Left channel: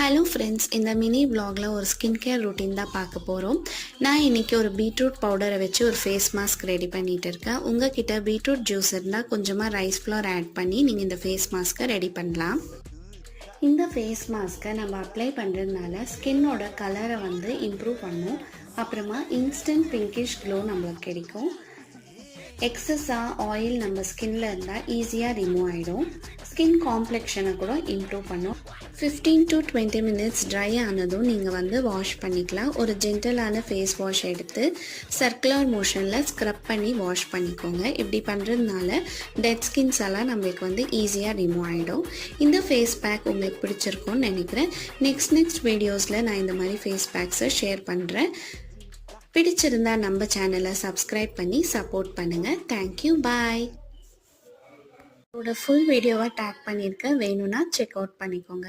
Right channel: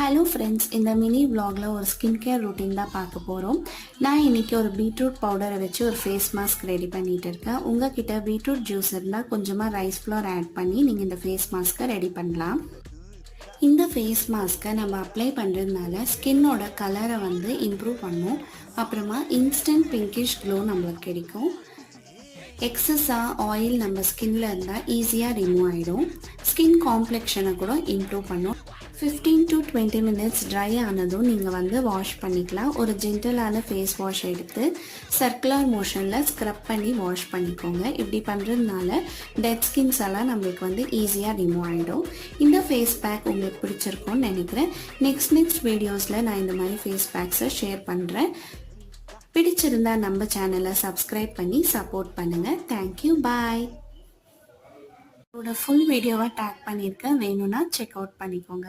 Hello friends, இந்த mini vlogல ஒரு ஸ்கின் கேர் ரொட்டீன் தான் பார்க்க போகிறோம். நான் இன்றைக்கி ஒரு பீட்ரூட் பவுடரை வச்சு ஒரு ஃபேஸ் மாஸ்க் ரெடி பண்ணிகிட்டு இருக்கேன். உங்ககிட்ட பீட்ரூட் ஜூஸ் இருந்தால் கொஞ்சமாக ரைஸ் ஃப்ளோர் ஆட் பண்ணி நீங்கள் இந்த ஃபேஸ் மாஸ்க்கை ரெடி பண்ணலாம். இந்த ஃபேஸ் மாஸ்க்கை நம்ம அப்ளை பண்ணுறதுனால ஸ்கின்னோட கலரை வந்து இம்ப்ரூவ் பண்ணும். அப்புறமா இன்ஸ்டன்ட் பிங்கிஷ் க்ளோ நம்மளுக்கு கிடைக்கும். எக்ஸஸாக ஆயில் நம்ம ஸ்கின்ல இருந்தால் ஈஸியாக ரிமூவ் ஆகிடும். ஸ்கின் காம்ப்ளெக்ஷனை கூட இம்ப்ரூவ் பண்ணும். 15 to 20 minutes ட்ரை ஆனதும் நீங்கள் வந்து வாஷ் பண்ணிக்கலாம். ஒரு ஜென்டலான ஃபேஸ் வாஷ் எடுத்து சர்க்குலர் மோஷனில் ஸ்க்ரப் பண்ணி வாஷ் பண்ணிக்கோங்க. இப்படி பண்ணுறதுனால டெட் ஸ்கின்ஸ் எல்லாம் நம்மளுக்கு வந்து ஈஸியாக ரிமூவ் ஆகிடும். இந்த ஃபேஸ் பேக் உங்களுக்கு பிடிச்சிருக்கும்னு நினைக்கிறேன். நெக்ஸ்ட் வீடியோஸில் நான் இந்த மாதிரி ஃபேஸ் பேக்ஸை ஷேர் பண்ணுறேன். பிடிச்சிருந்தா நம்ம சேனலை சப்ஸ்கிரைப் பண்ணி சப்போர்ட் பண்ணுங்கள். தேங்க்யூ, பாய். இதோட ஃபுல் வீடியோவை டேக் பண்ணியிருக்கேன், வேணும்னா செக் அவுட் பண்ணிக்கோங்க.